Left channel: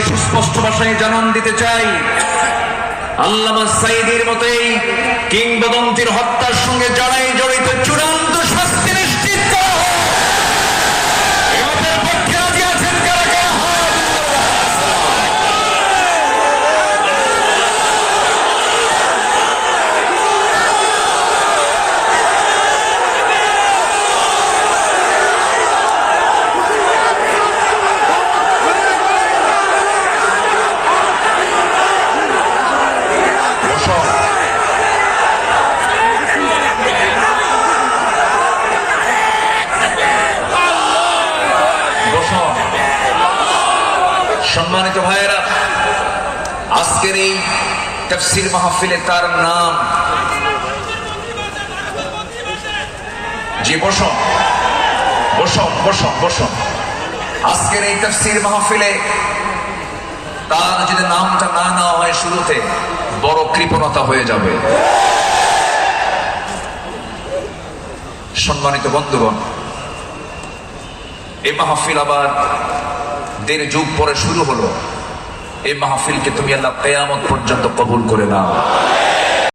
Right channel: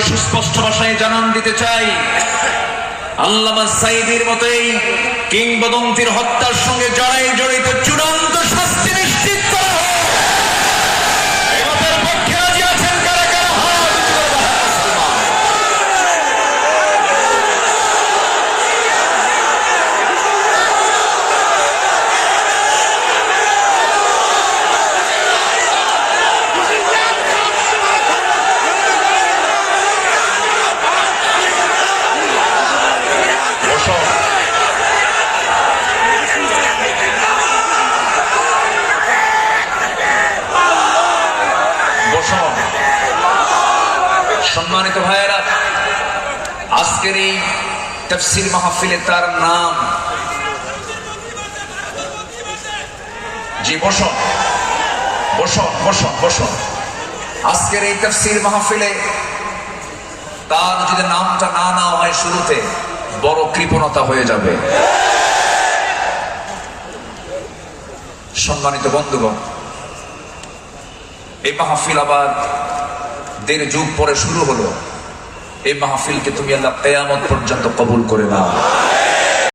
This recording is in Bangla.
সুস্পষ্ট ভাষায় জানান দিতে চাই। আল্লামা সাইদির মতোই কিংবদন্তির হত্যার সঙ্গে যারাই সম্মানিত ভাইয়েরা, আজকের এই তফসিল মাহফিলে তার নাম বসো। বসো বসো বসো। আজকের এই তফসিল মাহফিলে তার যদি নামটা না নেওয়া হয় শুরুতে, বড় কৃপণতা হয়ে যাবে। সম্মানিত বন্ধুগণ এই মাহফিল আবার দেড় যুগ পরে শুরু হলো। এই মাহফিলকে তুমি আল্লাহ কেয়ামত পর্যন্ত কবুল করে নাও।